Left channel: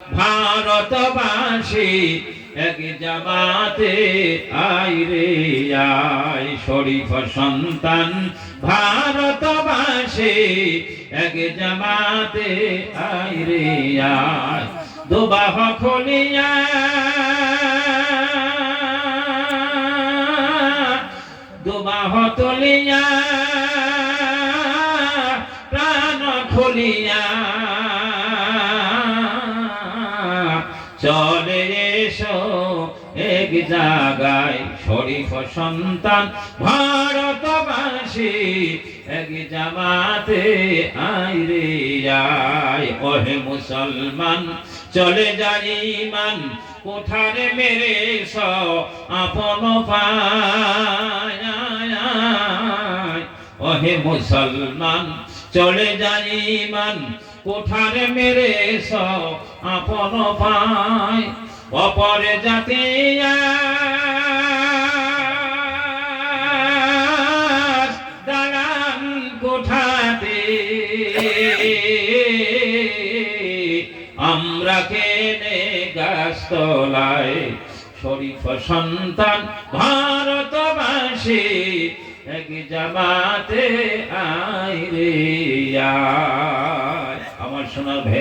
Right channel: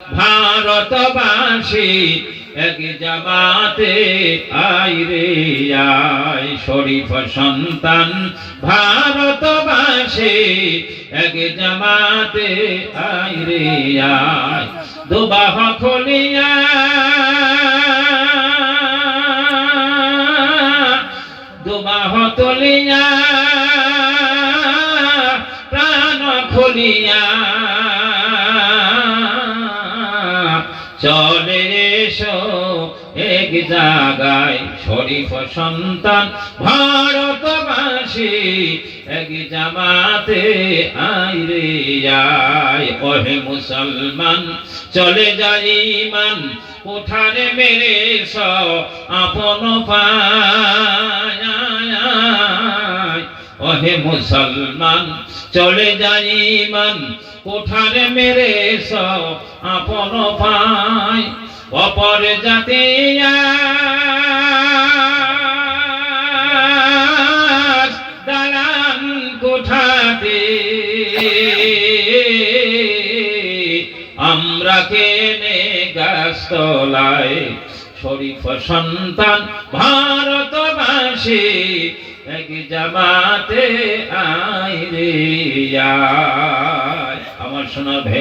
ভারতবাসী এক জামাতে আয় রে আয়, শরীফ সন্তান ভারতবাসী এক জামাতে আয় রে আয়। দুবাহ খুলিয়া দুবাহ তুলিয়া প্রাণ খুলিয়া চলে এসো এক জায়গায়, শরীফ সন্তান ভারতবাসী এক জামাতে আয় রে আয়। ওহে মুসলমান চলে যাই ইমান কোঠারে মেরে আপন পায়। ওহে মুসলমান চলে যাই ইমান কোঠারে মেরে আপন পায়। অপর জাতি দালান কোঠাতে আমরা কেনে গাছতলায়, শরীফ সন্তান ভারতবাসী এক জামাতে আয় রে আয়। আমার সোনার ভাই।